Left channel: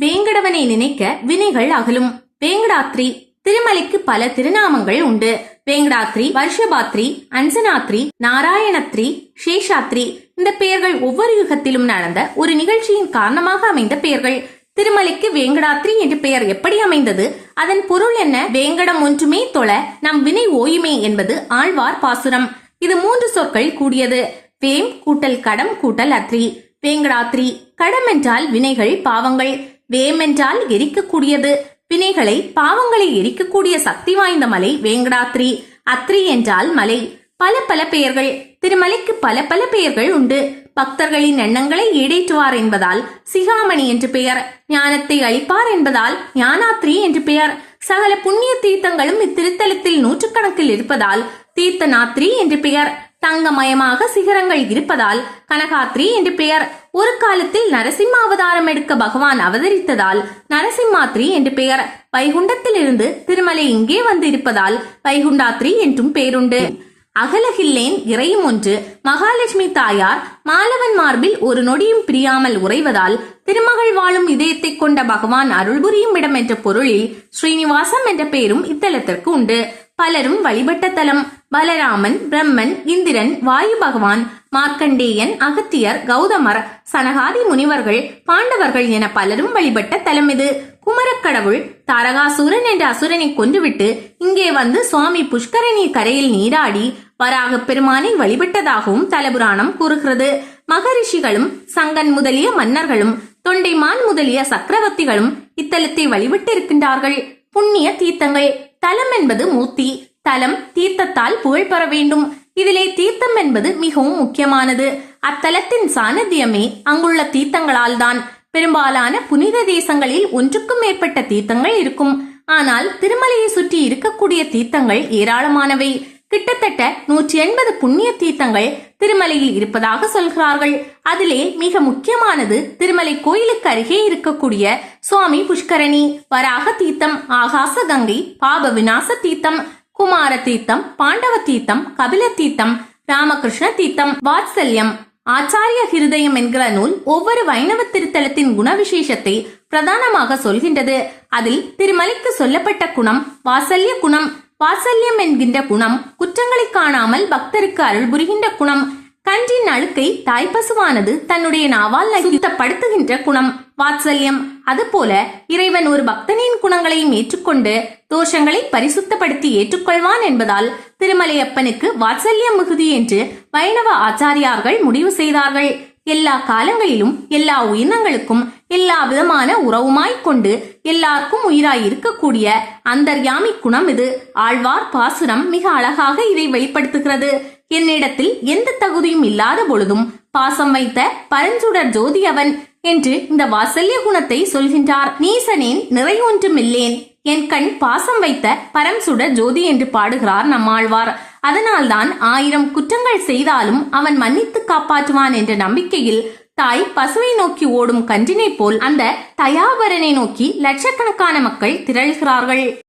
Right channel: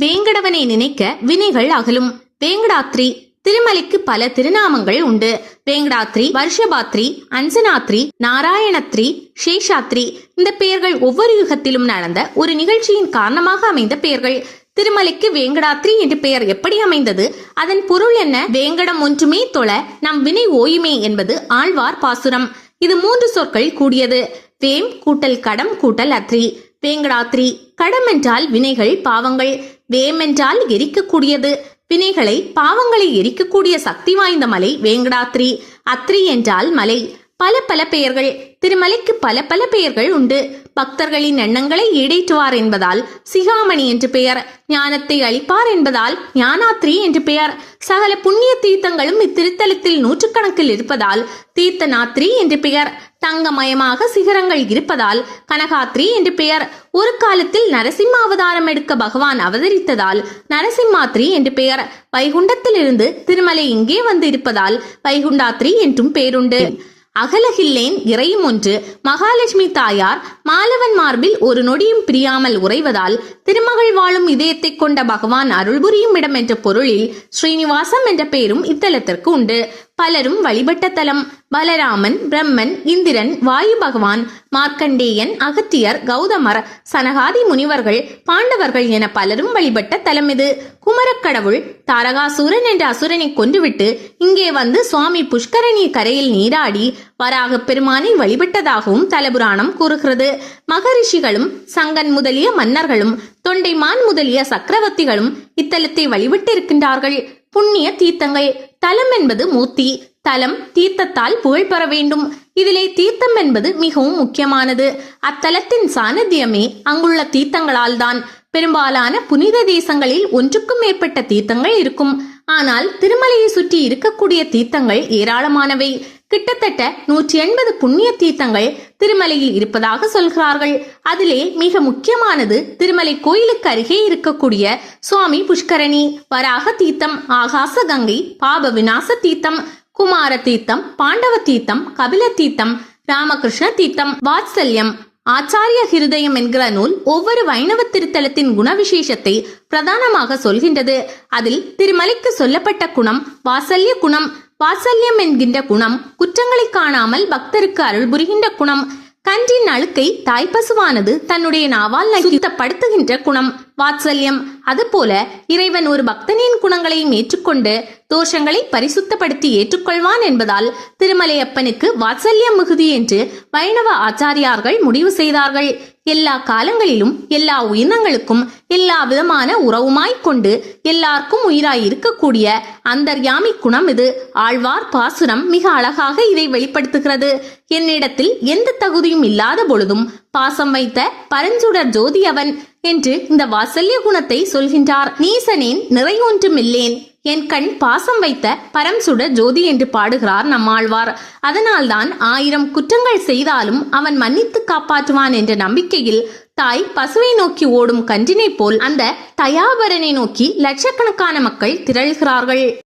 வேங்கடவனை நினைக்க வினைகள் அகலும். வேங்கடாத்ரி திருமலைக்கு பல திருநாமங்கள் உண்டு. வேங்கடாத்ரி வருஷபாத்ரி அஞ்சனாத்ரி நாராயணத்ரி சேஷாத்ரி இந்த பெயர்கள் ஒவ்வொரு யுகத்திலும் நடந்த ஒரு நிகழ்ச்சியின் காரணமாக அமைந்த பெயர்கள். திருமலைக்கு வேங்கடாத்ரி என்று பெயர் எப்படி அமைந்தது? அதன் பொருள் என்ன? வேங்கடம் ஒன்றுமே தொழ நம் வினை ஓயுமே என்பது ஆழ்வார் பாசுரம். இது மூன்று சொற்கள் கூடியது. வேம் கூட்டல் கடம் கூட்டல் அத்ரி. வேங்கடாத்ரி கடமென்றால் வினைகள் பாவங்கள் வேமென்றால் எரிக்கக்கூடியது. வினைகளை பாவங்களை எரிக்கக்கூடிய சக்தி வாய்ந்த மலை வேங்கடாத்ரி அத்ரி என்றால் மலை. பல பல பெயர்கள். திருமலைக்கு பல பல பெயர்கள் உண்டு. பக்தர்களின் எண்ணங்களை ஈடேற்றுவார் என்பதால் சிகாமணி என்று பெயர். ஞானத்தை அளிப்பார் என்பதால் ஞானாத்ரி என்று பெயர். சகல புண்ணிய தீர்த்தங்களும் இத்திருத்தலத்தில் நூற்றுக்கணக்கில் இருப்பதால் தீர்த்த நாத்ரி என்று பெயர். தங்கமயமாக சிகரங்கள் இருப்பதால் கனகாத்ரி என்று பெயர். ஒரு காலத்தில் நரசிம்ம அவதாரம் எடுக்க பகவான் அவதரித்ததால் நரசிம்மாத்ரி என்று பெயர். வைகுண்டத்திலிருந்து திருமலை இங்கே வந்து இருப்பதால் வைகுண்டாத்ரி என்றும் பெயருண்டு. அகலகில்லேன் இறையும் ஒன்று. மகாலட்சுமி தாயார் மாலவன் மார்பில் ஒரு நொடியும் பிரியாமல் உறைவதால் திருமகள் வாழும் இதயத்தை கொண்ட பகவான் அருள்புரியும் இடம் என்ற பொருளில் ஸ்ரீனிவாசம் என்ற பெயரும் இத்தலத்திற்கு உண்டு. பலரும் வழிபட்ட தலம். பலராமன் பிரம்மன் இந்திரன் வாயு பகவான் மார்க்கண்டேயன் அகத்தியர் கௌதமர் சனகாதி முனிவர்கள் பாண்டவர்கள் என பலரும் வழிபட்ட தலம் இது. குமரக்கடவுள் தாரகாசுரன் என்ற அசுரனை கொன்றுவிட்டு இங்கே வந்து சுவாமி புஷ்கரணி கரையில் நீராடி வராக பெருமானை வழிபட்டதாகவும் தலபுராணம் கூறுகிறது. மகரிஷிகளும் சங்கன் முதலிய மன்னர்களும் தொண்டைமான் முதலிய சக்கரவர்த்திகளும் இத்தலத்தை வழிபட்டிருக்கின்றார்கள். புண்ணிய தீர்த்தங்கள். தலம் என்பது மூர்த்தி. தலம் தீர்த்தத்தால் புகழ் பெற வேண்டும். இதிலே தீர்த்தம் என்பது மிகவும் முக்கியமானது. அத்தலத்தின் சாநித்தியமே அங்குள்ள தீர்த்தங்களால் தான் பெரும்பாலான புனித தேசங்களில் ஒன்றுக்கும் மேற்பட்ட தீர்த்தங்கள் இருக்கும். ஆனால் திருமலையை சுற்றி இருக்கக்கூடிய தீர்த்தங்கள் ஏராளமானவை. கிட்டத்தட்ட நூற்றி எண்பது புண்ணிய தீர்த்தங்கள் திருமலையில் இருப்பதாக சொல்கிறார்கள். அதிலே மிக முக்கியமானது திருமலை கோயிலுக்கு அருகே இருக்கக்கூடிய சுவாமி புஷ்கரணி வராக தீர்த்தம் ஆகாச கங்கை பாப விநாச தீர்த்தம் குமார தீர்த்தம் பாண்டவ தீர்த்தம் கபில தீர்த்தம் ராமகிருஷ்ண தீர்த்தம் வாத்சல்யம் ஆச்சாரிய ஹிருதயம் என்கிற நூல் ஒவ்வொரு வைணவ திருத்தலத்தின் குணவிசேஷத்தை பிரதானமாக சொல்கின்றது. அதில் திருமலைக்கு சொல்லப்பட்ட குணம் வாசல்ய குணம் வாசல்யம் என்கின்ற குணம் குற்றங்களை காணாமல் பக்தருக்கு அருள் புரிகின்ற குணம் கன்றின் அழுக்கை தாய்ப்பசுவானது தன்னுடைய நாவால் சுத்தப்படுத்துகின்ற குணம் வாத்சல்யம். அதுபோல இறைவன் ஒரு பக்தனின் குணங்களையும் ஏற்றுக்கொண்டு தோஷங்களை பரிசுத்தப்படுத்தி ஏற்றுக்கொள்வான் என்பதால் திருமலையப்பனுக்கு வாத்சல்யம் மிகுதி என்று வைணவ ஆச்சாரியார்கள் முடிவு செய்தார்கள். எல்லா காலங்களிலும் எல்லா உயிரினங்களுக்கும் எல்லா விதமான உறவுமாய்க் கொண்டு எல்லாருக்கும் உயிராய் இருக்கக்கூடிய அந்தர்யாமி குணம் இது. ஆழ்வார் பாசுரம் மிக அழகாக இதை வெளிப்படுத்துகிறது. என்னிடத்தில் எந்த தகுதியும் இல்லாத பொழுதும் பாசம் வைத்த பரஞ்சுடர் ஜோதி அவன் என்று இந்த வாசல்ய குணத்தை சொல்கின்றார். நீசனேன் நிறை ஒன்றுமில்லேன் என் கண் பாசம் வைத்த பரம் சுட ஜோதி என்று பாடுகிறார் நம்மாழ்வார். அதனால்தான் ஆயிரம் குற்றங்கள் செய்தாலும் அவன் மன்னித்து காப்பாற்றுவான் என்ற நம்பிக்கையில் தாய் பசுவை நோக்கி ஓடும் கன்றினை போல் அந்த தயாபரனை நோக்கி லட்சக்கணக்கான மக்கள் திரள்கிறார்கள்.